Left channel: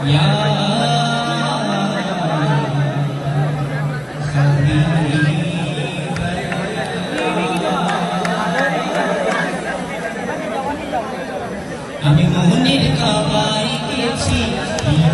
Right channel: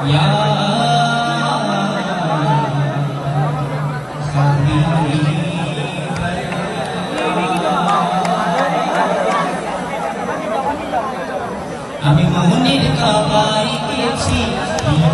ইয়া আমি মনের কাবায় গেছি প্রিয়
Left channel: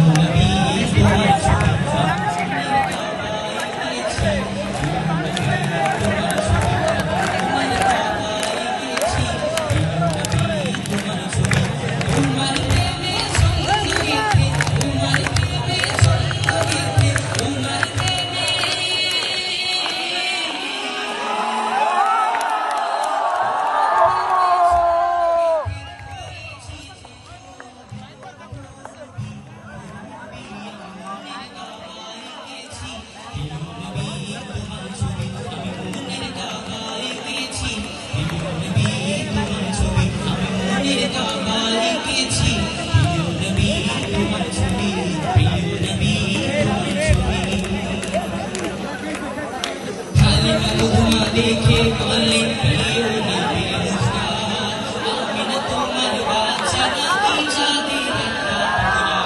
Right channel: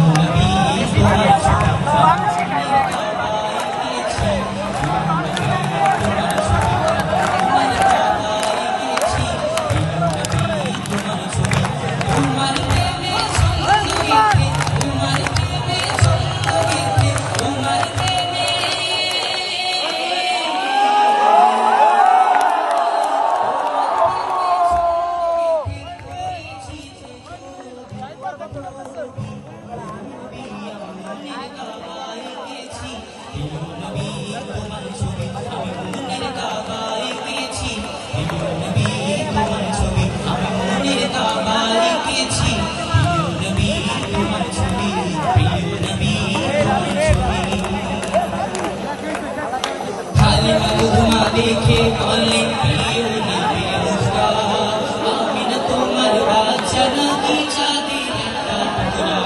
নবী তোমার ছবি দেখে বলে প্রিয় নবী মুস্তাফা আমিনা তোমার বাচ্চা নাকি চাঁদের একটা টুকরা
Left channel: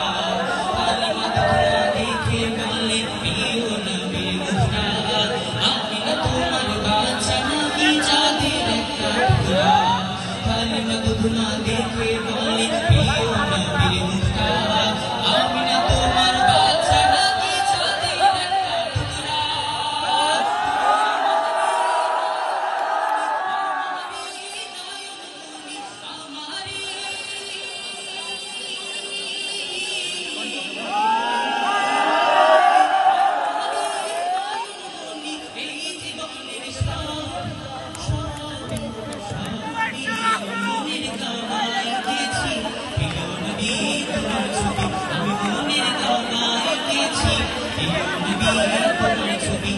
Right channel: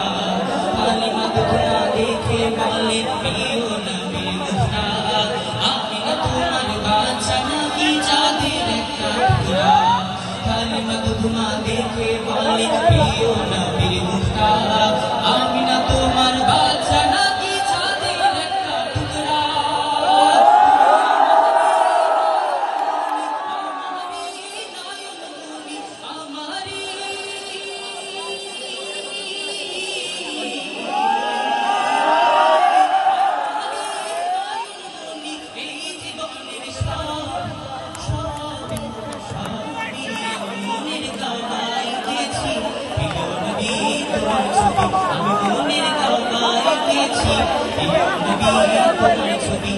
হালিমা দুধমা দেখে বলে প্রিয় নবী মুস্তাফা আমিনা তোমার বাচ্চা নাকি চাঁদের একটা টুকরা হালিমা দুধমা দেখে বলে প্রিয় নবী মুস্তাফা আমিনা তোমার বাচ্চা নাকি চাঁদের একটা টুকরা আমি মনের কাবায় গেছি প্রিয় নবী তোমার ছবি